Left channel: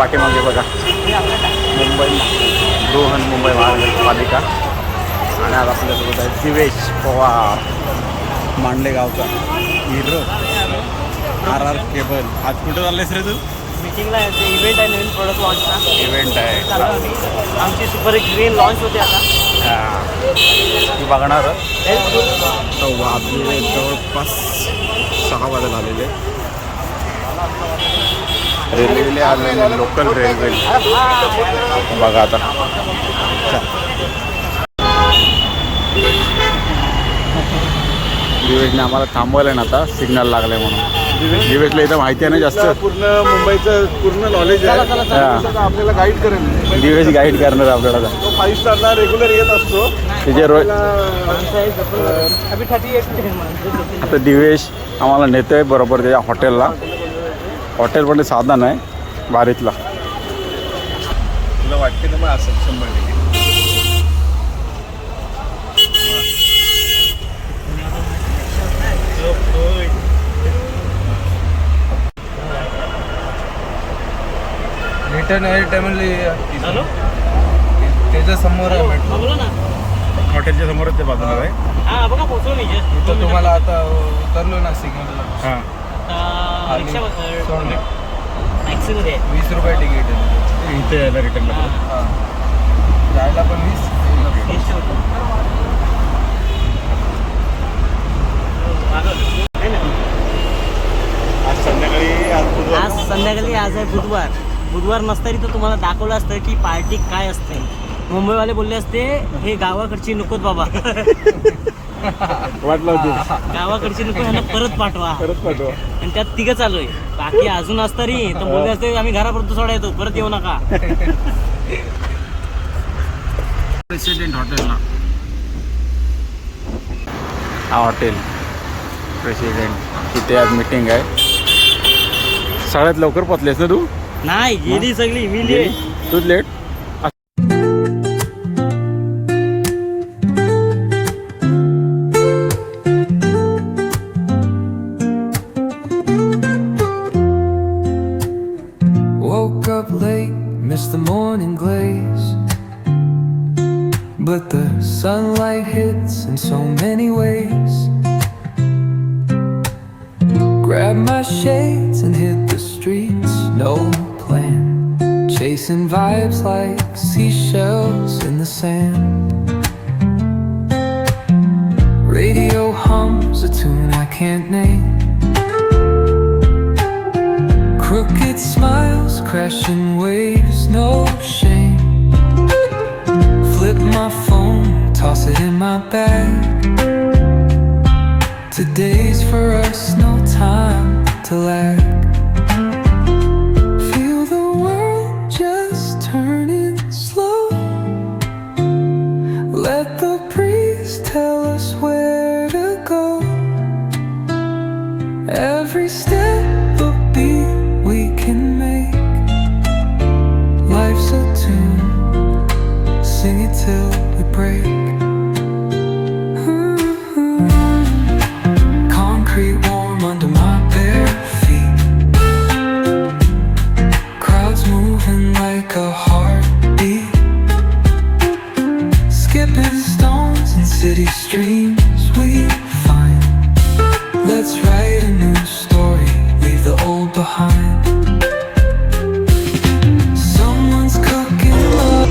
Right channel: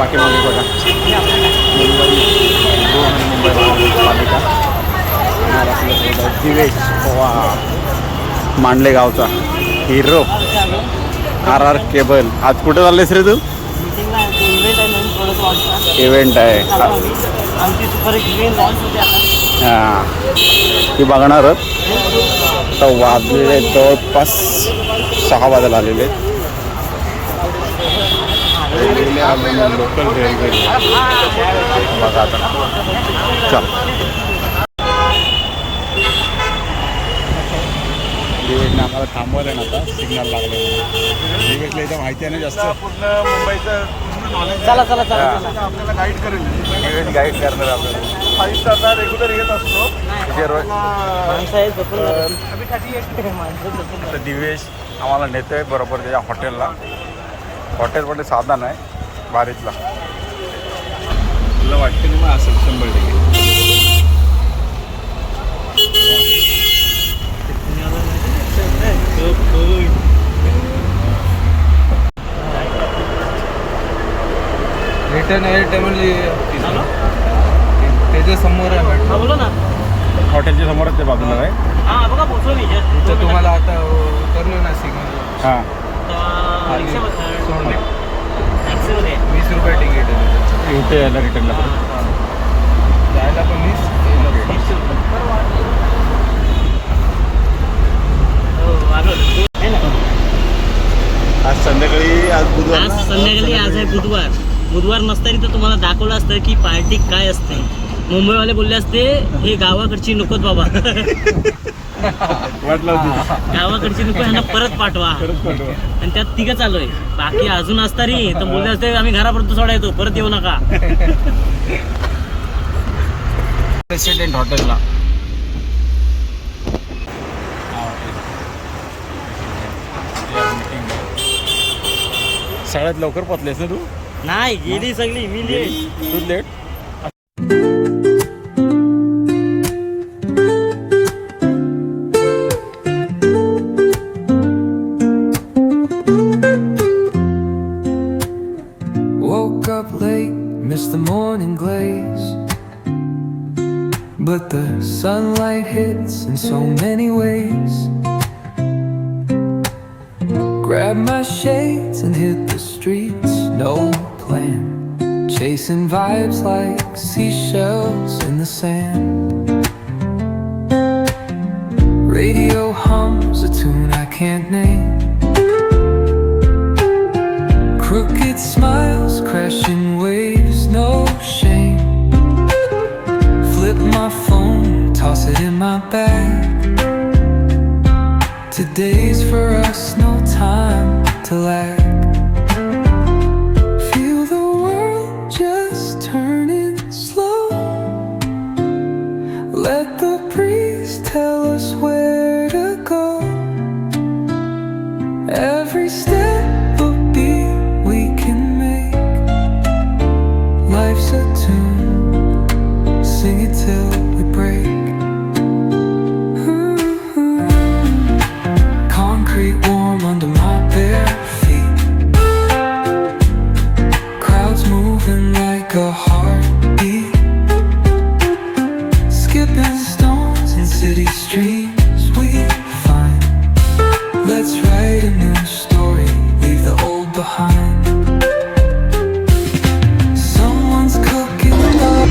पाठीमागे बघा मुंबई बृहन मुंबई महानगरपालिका आणि आज आपल्यासोबत आहे दिवेश पवार मांडले गावचा हिरो RR केबल. आज कुठे चाललेस रे तू? मीटिंगला इव्हेंट आहे नवीन प्रोडक्ट लॉन्चचा इव्हेंट आहे चालू आम्ही आमची सुपर ग्रीन लॉन्च होते आता हां ती बघणार आहोत. हेल्पफुल आता वाजलेले जवळपास 6 वाजायला आलेले आहेत. रेल्वेले आलेले लोकल रेल्वे बघा आता चल. दिवेशने आम्हाला थांबवलं ना आता सिग्नल लागले म्हणून. दिवेशला इथं माहिती आहे ना जास्त पूर्ण मुंबईचं पूर्ण नॉलेज आहे. आपल्याला गाईड करेल. दिवेश गाईड करणार आपल्याला. 5 स्टारला रेग्युलर येत असतो. त्याचे आता दिवेश आम्हाला नेतो आहे बरोबर त्या हॉटेलला. हॉटेल पण साधा नाही भारीतला. तुला वाटते ना मग असेल 100%. रिटर्न म्हणले हॅलो त्याच्या समोर हा बोला ना. हॉटेलच्या समोरच ते बाजूला आहे. हा बघा पोहोचलो मी तुम्हाला आता उतरलो ना सिग्नल. हां टॅक्सीमध्ये 20 रुपये तिकीट आहे इथे यायला रिटर्नला पण. जायला पण 20. ओके. आज संध्याकाळी आज संध्याकाळी आज आहे बुधवार नसतरी तर तुम्हाला दाखवलं असतं की पार्टी काय असते. मुंबईवाले बोलले असते हे गावाकडची नकोत बाबा. वाटलं होती गावाकडची नको ह्यांना परत पाठवा. आणि त्यात तिघं चालू आहे. बाकी अजून असतारी तर बोलले असते आम्ही घरापर्यंत सोडा येतो परत येऊ नका. प्रेसिडेंट हॉटेलला हा हॉटेल प्रेसिडेंट तिथे आज मीटिंग आहे. सगळ्यात लवकर पोचलेस ना तू? नाही गेली सगळी मी लेट. तूच late. Woke up late, missed the morning glaze, but the sunlight hits in so many ways. Grabbed my shades and hit the streets, no plan, chasing vibes like seashells in the sand. Radio hums a tune I can't name. Crooked smiles, crashing waves, no shame. Flip my phone, toss it in my bag. Today's for us, no time to lag. Feel the world just turning slow. Let the breeze tell us where to go. Every step a beat we can make. Life's a tune, sing it till we break. Concrete warm under my bare feet. Crowds moving like a heartbeat. Skipping stones in city streams we find. Let's write a new story, leave the old behind. Someone's cooking up.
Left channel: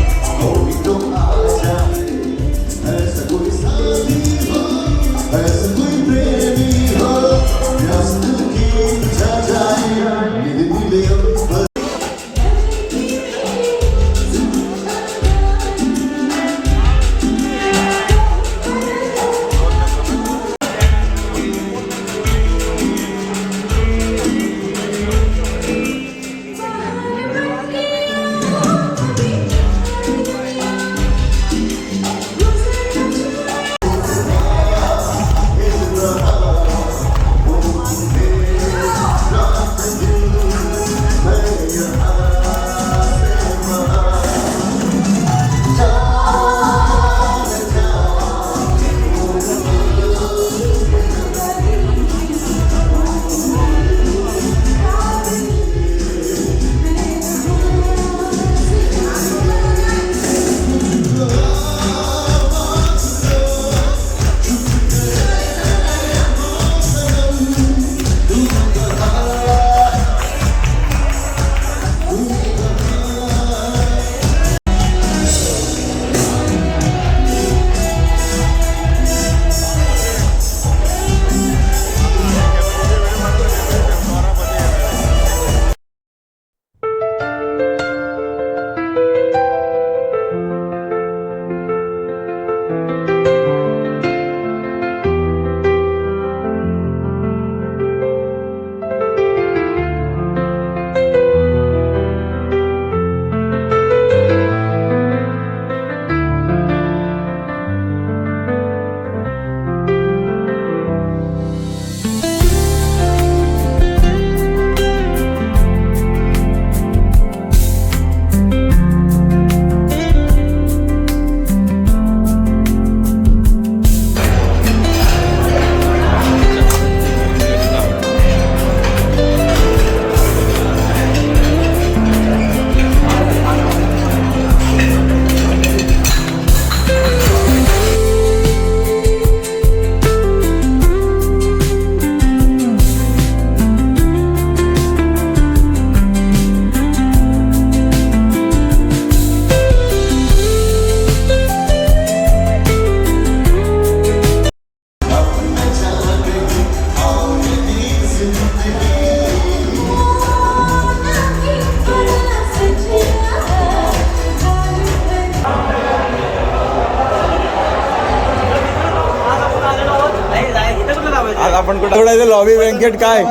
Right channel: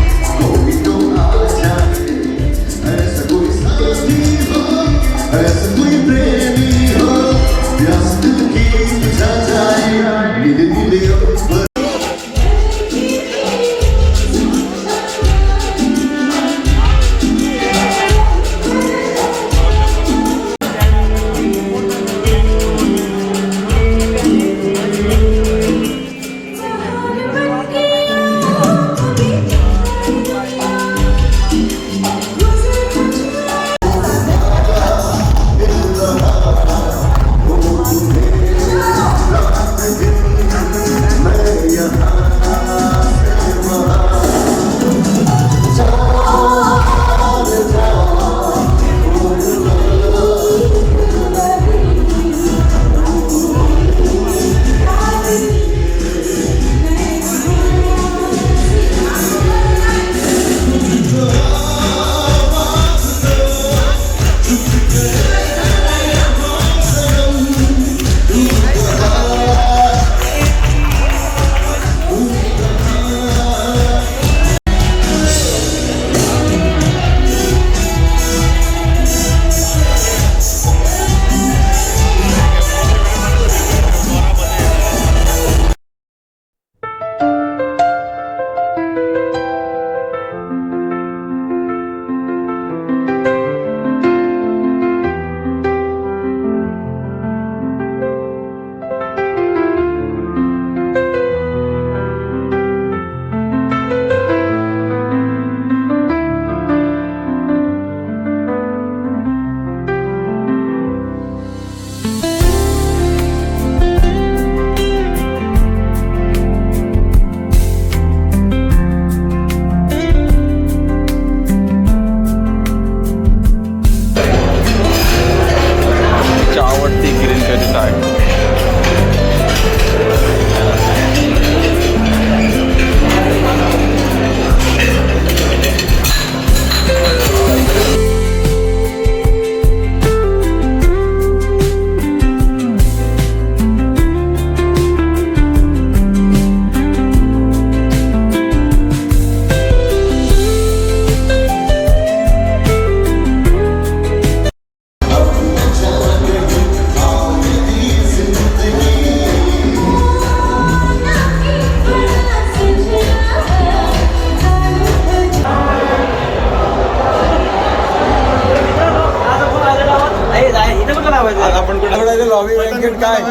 आपण कुठे lobby banquet काय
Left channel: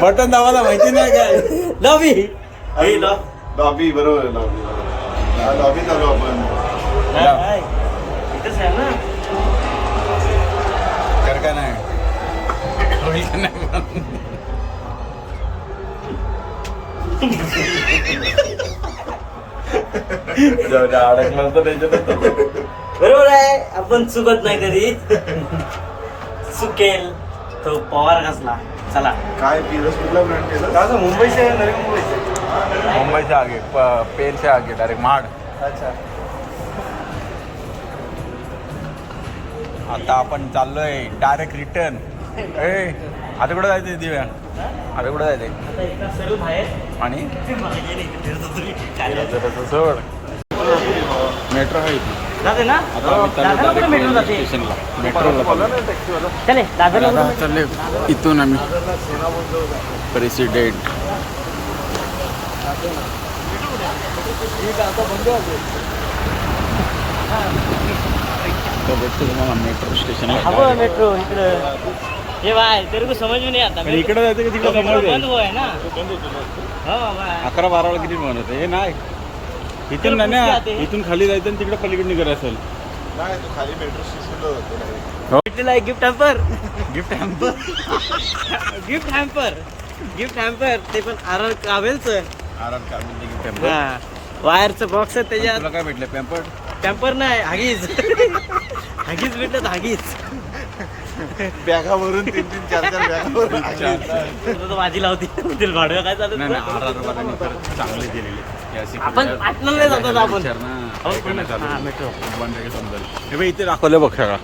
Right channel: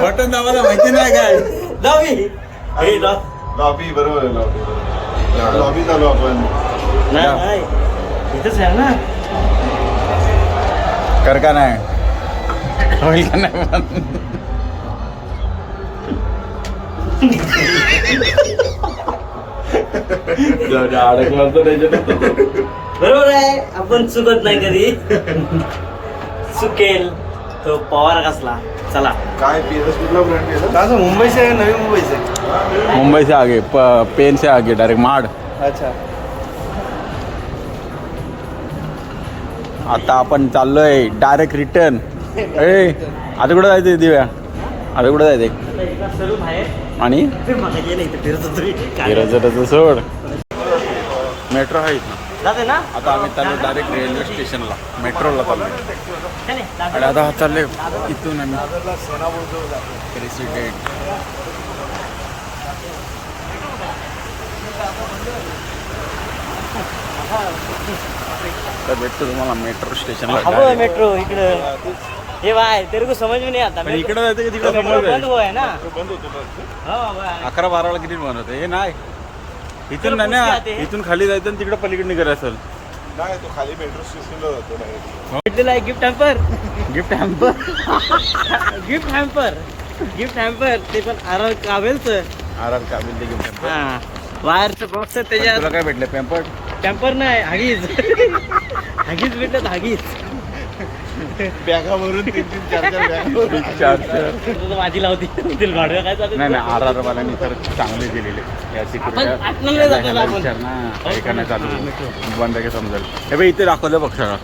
button दाबायला माहिती नाही काय lobby बरोबर lobby चालू आपण इथेच आहे ना. कर का नाही होईल का नाही पण अडकलं तर त्याच्यात बरोबर आहे. आपण चुकत नाही कधी. चुकेल तो पवार कसला. चला काय कुठला ब्रँड केलं आज मुंबई से नवी मुंबई से मुंबई से आगे पेन से आगे डायरेक्ट महाड. अच्छा आता आपण चाललोय डायरेक्ट रिटर्न. आता कुठं जायचंय दिव्या आता कुठं जायचंय सर्व बाहेर आणि मला गेलं इथे फिरत होतो. फिरायचं सोड मेट्रो आहे इथं. जाते ना. आता आम्ही चाललो डायरेक्ट रेल्वे स्टेशनला मेट्रोला चाललो. चले आणि आता चालले इथून आम्ही प्रेसिडेंट तर भेटतो तुम्हाला मेट्रो स्टेशनला डायरेक्ट. मेट्रो इकडं हे बाय तेरे को समज में नहीं आता. पण इकडे जायचं की तिकडे समोर बंद जायचं. हुआ है ना. हो बाय 11-12 किती म्हणत हे नाही इथून नाही ना इथून खाली जायचं आणि तिकडे पलीकडे करायचं असेल. खाली मेट्रो स्टेशन भेटलेलं आहे gift hamper. Gift hamper gift hamper gift hamper ते पण आर कावेलचं. आराम का मिळते गिफ्ट हॅम्पर. वायरचं बॉक्स आहे त्याच्यात. तुला काय भेटलं पॅम्पर्ड टॅम्पर नाही हागीज. हागीज भेटलं हागीज. बॅगा भरून 3-4 बॅगा चार माझी लावती भाडव्या काय चालू. नाही नाही RR वाल्यांनी खरंच चांगले दिलेले या आपण पाटणाला जातो ना आपण. विचार ना ऐका नाही चालू बंद आहे का समजेल. हे बाई इथे दाखवले बघ सगळा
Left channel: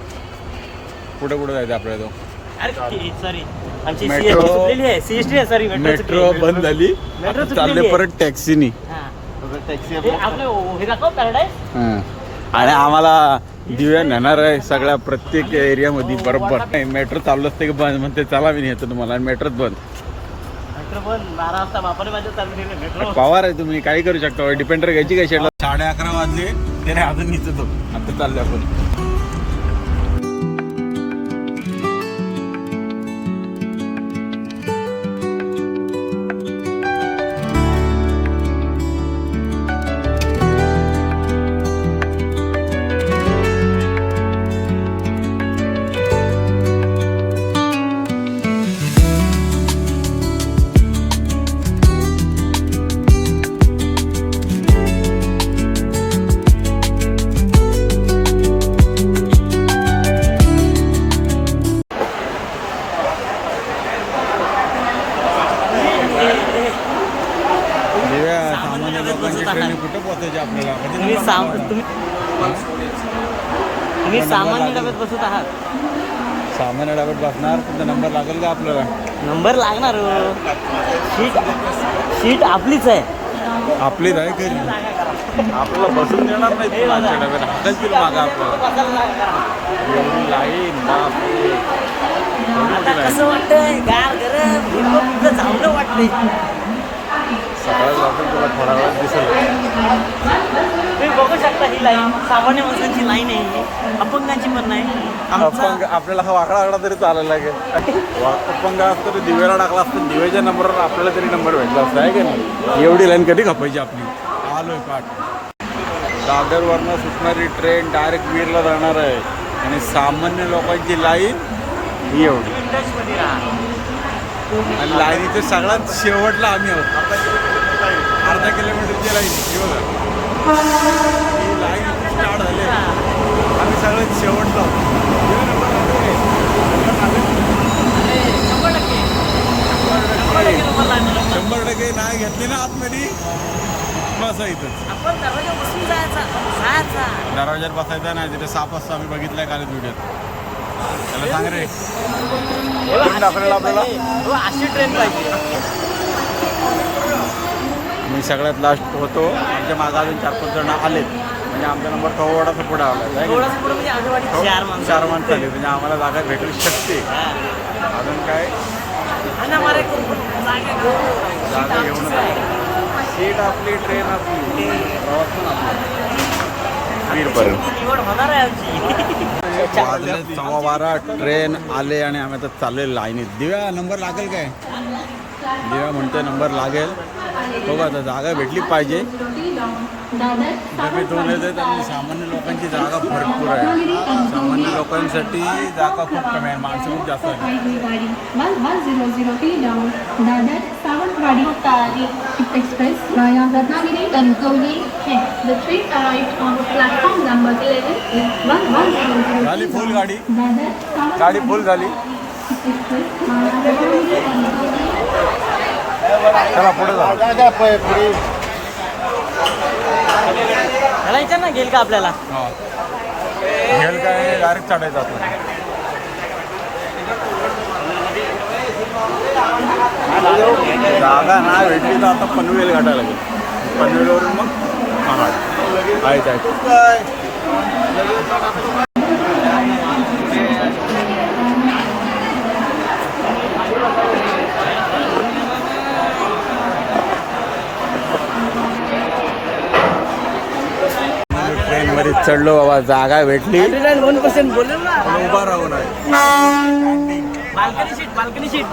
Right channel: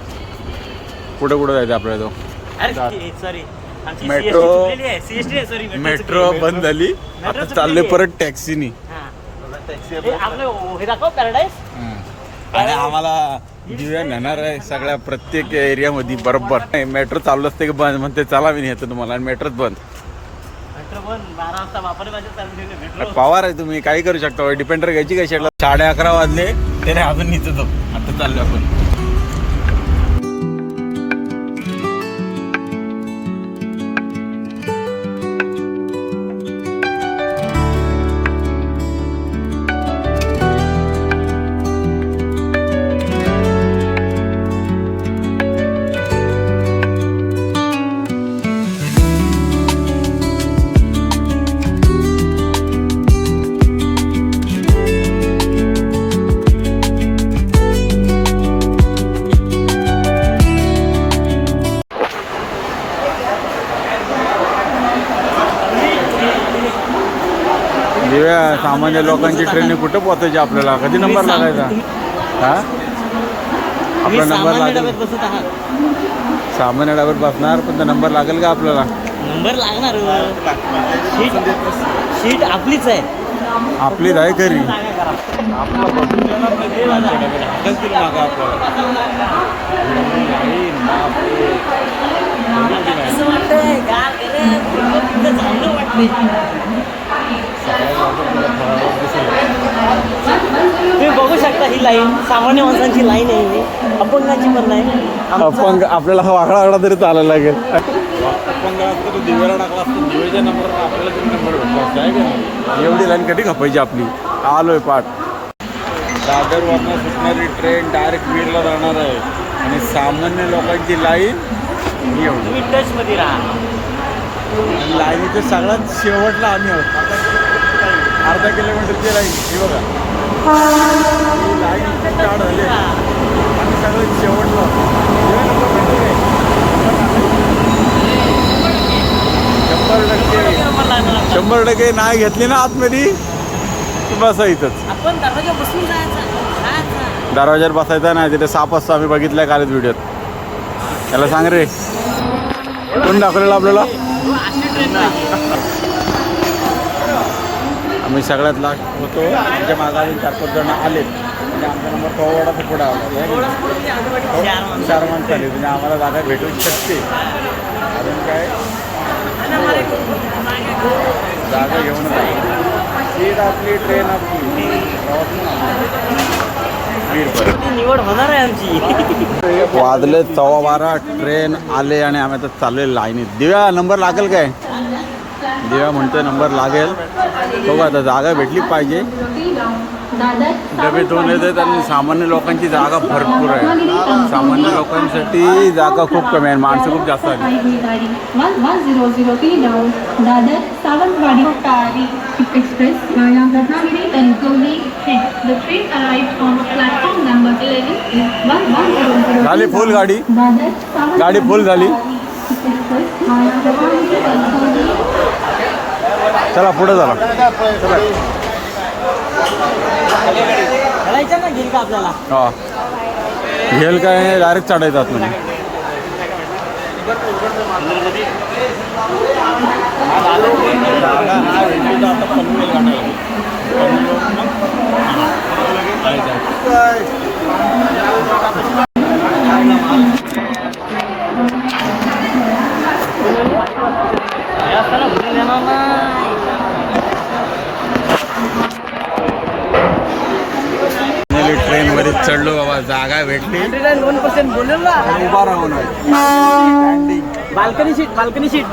कुठे कुठे जायचं आपल्याला तो. अरे sorry metro- CST sorry metro बंद झाली मेट्रो आता चालले चुकलेली परत टॅक्सीनी. टॅक्सी आपलं हे दाखव पॅराडाईज. आणि आम्हाला दिव्या नेणार आहे सगळ्या प्रत्येक एरियामध्ये बरोबर. मेट्रो चालू असते की बंद म्हणते चला मी नेतो तुम्हाला आणि मेट्रोच बंद. मेट्रो पण 12 वाजता बापाने माझ्या चालू ठेवले मेट्रो. पवार आहे तुम्ही काही करू शकता. डिपेंडर घ्यायची काय शेडला 11:30 वाजले त्याने अजून निघतो आता चालले आपण. दिव्या सामान्य लोकांची ट्रेन कुठं पोहोचायची आपल्याला कधी नंबर लागायचा हा तुम्ही आपला नंबर सामान्य लागेल डब्यात बसत आहात. सामान्य डब्यात बसणार पण नंबर लागेल का आपल्याला. नंबर लागणार हो. सीट आपलीच आहे. आपली राय घरी आपल्याला बसून देणार नाही ती मागच्या डब्याला हाकलतील मागा आपल्याला. एवढी लाईन बापरे एवढी मोठी असं लाईन. वाटतंय गाव गरम चांगलं वाटतंय. सकाळच वाटत तुला थोडा वेळ दिसेल. तुम्ही बघू शकता ही लाईन सामान्य माणसांची लाईन आहे. अपंगांची पण नाही. आमचा आपल्याला वाकडा वाकडा तरी चालायला लागेल. अपंग असतं तर दिव्याला टाकला असतो दिव्याच्या नंबरवर आपल्याला तरी नंबर भेटला असता आहे की नाही. एवढी लाईन कधी खपायची आपली. आलोय पाठ. दादरवरनं सुटणारी ट्रेन डायरेक्ट वीरला जाणार आहे आणि सामान्य लोकांची लाईन ही एवढी. टचमध्ये राहा. आणि लाईनीच्या सगळ्यात शेवटला आम्ही आहोत. अर्धा किलोमीटरची लाईन ही बघा. ही लाईन स्टार्ट झाली आम्ही सगळ्यात शेवटला आहोत. जेव्हा नंबर लागेल काय नंबर लागेल 100% नाही घेतली ना आतमध्ये बसायचंच. आपण दरवाजा बसून जायचा. दरवाज्यावर बसायचा नाही तिथे साप असतो आम्ही बघितलाय कालच व्हिडिओत. त्याला सांग रे कोण दाखवलेलं आपल्याला. आम्ही सगळ्यात लास्ट होतो. आमच्या मागे अजून 4-5 जण आलेत म्हणजे आमचा नंबर थोडासा पुढे आला आहे. 4 माणसं आली म्हणजे आम्हाला जागा भेटू शकते. अजून काय जागा घेऊनच आली. सीट आपली ट्रेन आपली प्रवास पण आपला. वीरपर्यंत. ती निवड होणार आहे आमची. वाजले 12:15, ट्रेन आले आणि आम्ही आता चाललोय लाईनीत. दिव्या नंबर लागेल काय? दिव्या म्हणतोय नंबर लागेल. बघू आता जागा भेटली पाहिजे. डबे दोन येतात आणि सामान्य लोकांची जागा भरपूर आहे. सामान्य लोकांसाठी जागा खूप कमी आहे, माणसं खूप जास्त आहेत. 1100 down दादर सावंतवाडी तारी express via Ratnagiri and Kohli. The train arrived on platform number 11 with 1100 झाली फुल गाडी. दादर सावंतवाडी गाडी full झाली. Express via Ratnagiri and Kohli. चला पुढे झाला. त्याला विचार ना घेईल का आपल्याला. हा घेल काय डायरेक्ट चढायचं तुम्ही. जागा ना भेटली तर आता पनवेल गाठा लागेल. पनवेलवरून मग हां ट्रेन मध्ये चढलो बाबा. जागा भेटली. 1% बोललो ना. पण उभा राहून आहे. बाल्कनी सीट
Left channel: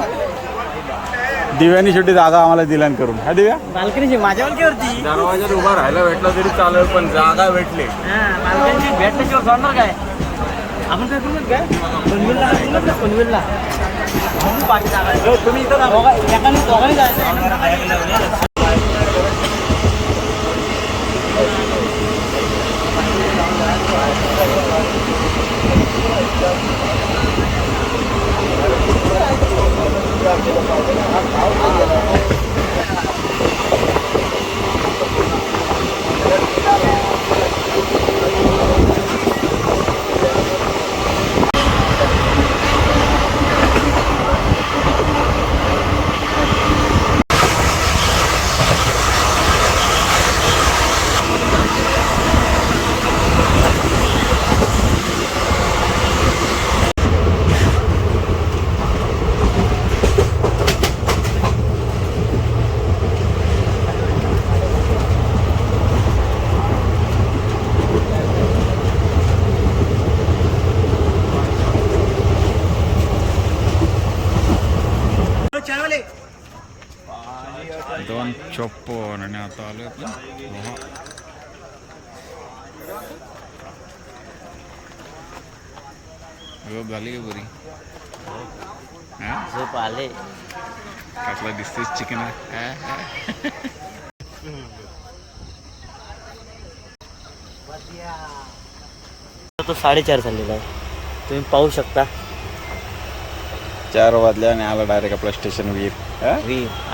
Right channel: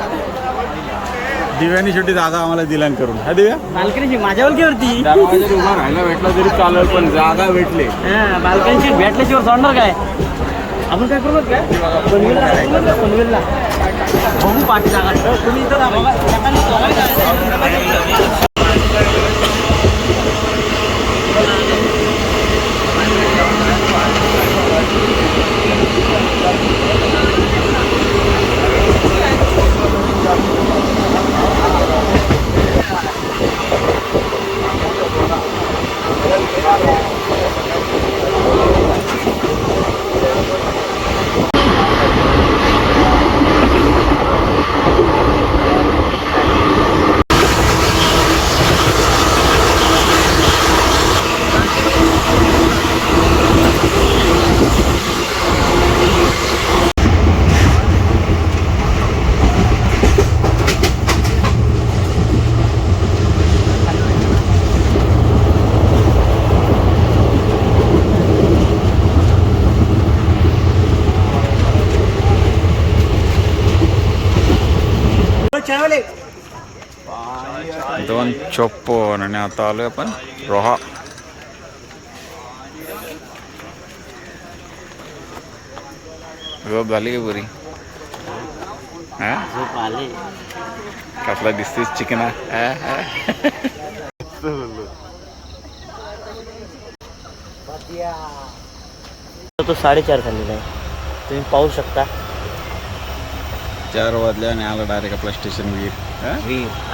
दिव्यानी शेवटी जागा आम्हाला दिल्यान करून. हा दिव्या बाल्कनी सीट माझ्यावर की वरती. दरवाज्यात उभा राहायला भेटला तरी चालेल, पण जागा भेटली. बाल्कनी सीट भेटल्याशिवाय सोडणार काय. आपण काय करू मग काय पनवेलला बघू बाकी जागा. तुम्ही इथं चायवाले 2:54 आणि आता आलोय आपण रोहा. झोप झाली की पुरी? हा झोप आले. कसला दिसतेस चिकना. तो 4:30 झालेला आहे. तुम्ही पाहू शकता. 4 वाजले आणि आला डायरेक्ट आपल्या स्टेशनवर.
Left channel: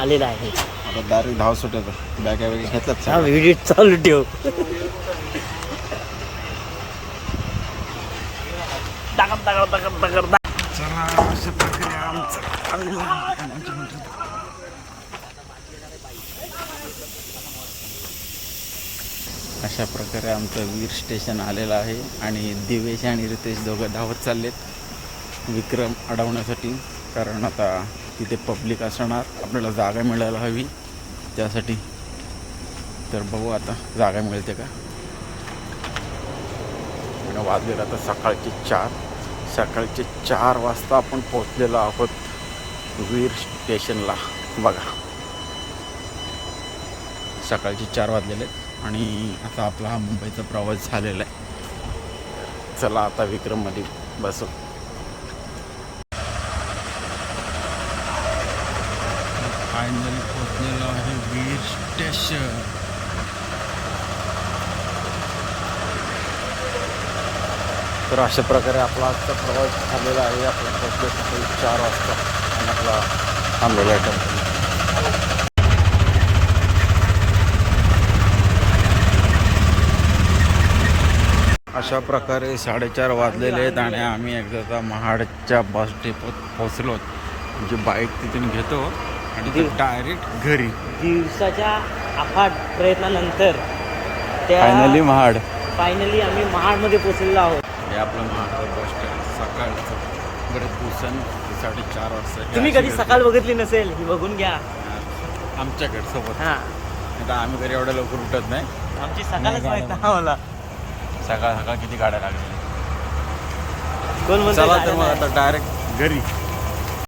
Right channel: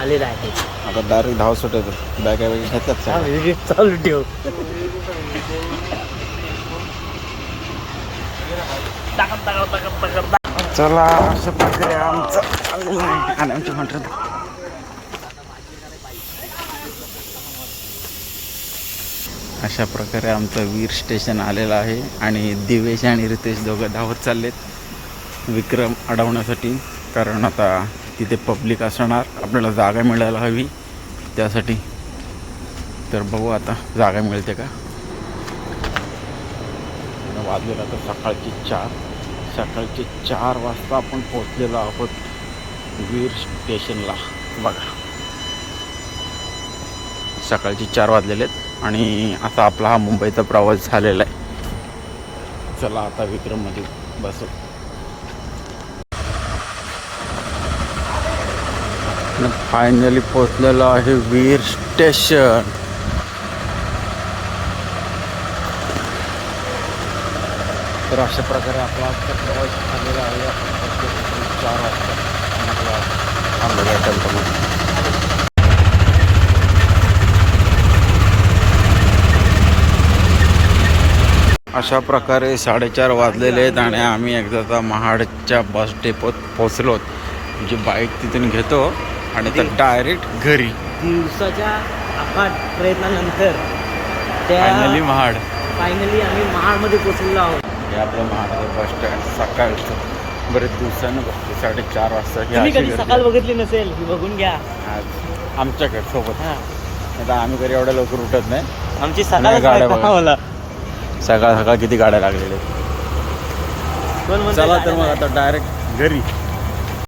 आलेला आहे. आता डायरेक्ट धाव सुटतो. बॅगा वगैरे घेतल्यात सगळ्या. व्हिडिओ चालू ठेव. चला अशा प्रकारे आमची म्हणतात अशा प्रकारे आमचं वीर स्टेशन आलेलं आहे. आणि दिवेश आणि रितेश दोघं धावत चाललेत विक्रम अडवण्यासाठी. कारण आता तिथे पब्लिक असणार, आपल्याला जागा मिळायला हवी त्यासाठी. तर बघू आता जागा मिळते का. आणि वाजलेलं आता सकाळचे 4 वाजता आपण पोहोचलेलो आहोत वीर स्टेशनला. बघा सकाळचे 4 वाजलेले आहेत आणि असा आपला हा मुंबईचा प्रवास झालेला आहे. चला आता विक्रममध्ये बसू. फायनली पोहोचलेलो आहे वीर स्टेशन. तर अशा प्रकारे आपला आजचा प्रवास झालेला आहे. आपण पोहोचलो 4 वाजता आणि आपला संध्याकाळी टेम्पोमध्ये. अशा प्रकारे 4:30 वाजलेले आहेत आणि आम्ही एकदा महाडच्या बस डेपोत पोचलो. म्हणजे बाईक तिथून घेतो आणि तर डायरेक्ट घरी. दिवसाच्या अफाट प्रयत्नानंतर फायनली आम्ही महाडमध्ये पोहोचलेलो आहोत. हे आपलं महाडचं बस स्टँड सकाळचं बरेच दिवसानं बघते 4:30 वाजता. तुम्ही कधी सकाळ बघितली नसेल ही बघून घ्या. आज आमच्याकडे सोबत. नाही तर आम्ही घरी एवढ्या लवकर उठत नाही. आमची नाही गाड्या सकाळ बघा. मला सकाळ सकाळ किती गाड्या लागलेल्या आहेत. कोण म्हणते चला तर मग आता डायरेक्ट घरी.